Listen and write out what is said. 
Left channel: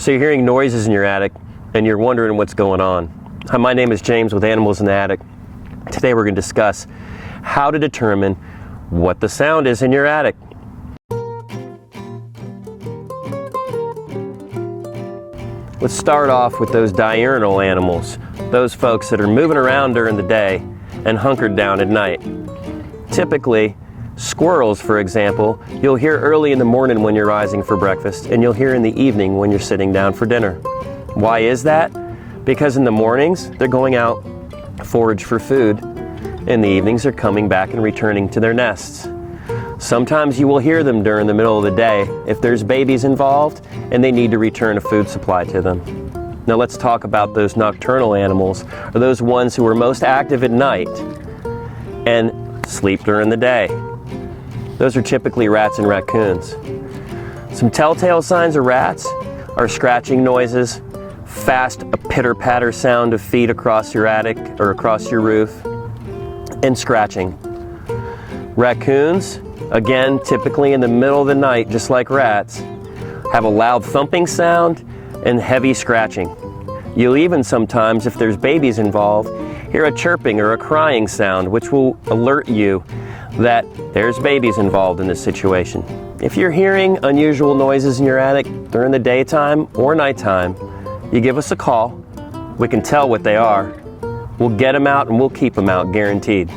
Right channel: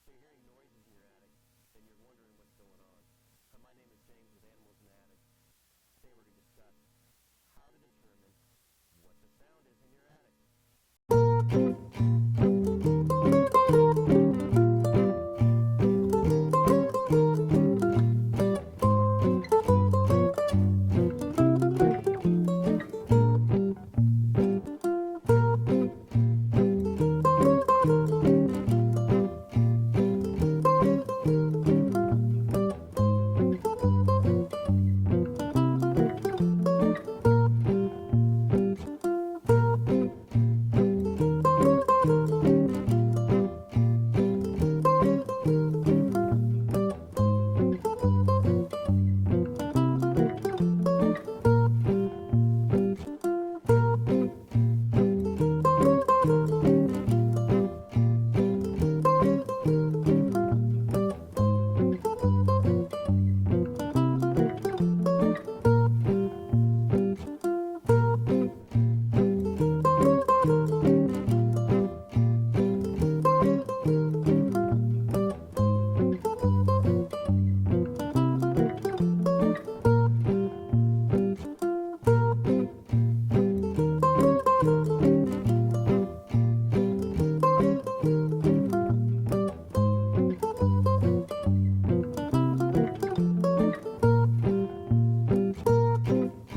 So you're hearing noises in your attic and you're wondering what's going on. Hi, my name is James with Animals in the Attic. Today we're going to discuss how to determine what the sound is in your attic. Let's start off with those diurnal animals, those folks that are moving around during the day and hunkered down at night. Typically, squirrels, for example, you'll hear early in the morning when you're rising for breakfast, and you'll hear in the evening when you're sitting down for dinner. Why is that? Because in the mornings, they're going out to forage for food. In the evenings, they're coming back and returning to their nests. Sometimes you will hear them during the middle of the day if there's babies involved and they need to return a food supply to them. Now let's talk about those nocturnal animals, or those ones who are most active at night and sleep during the day. Those are typically rats and raccoons. Some telltale signs of rats are scratching noises, fast pitter-patter sound of feet across your attic or across your roof, and scratching. Raccoons, again, typically in the middle of the night, just like rats, have a loud thumping sound and heavy scratching. You'll even sometimes, if there's babies involved, hear a chirping or a crying sound, which will alert you that there's babies involved in this situation. If you're hearing unusual noises in your attic during the daytime or nighttime, you give us a call. We can tell what they are. We'll get them out and we'll keep them out, guaranteed.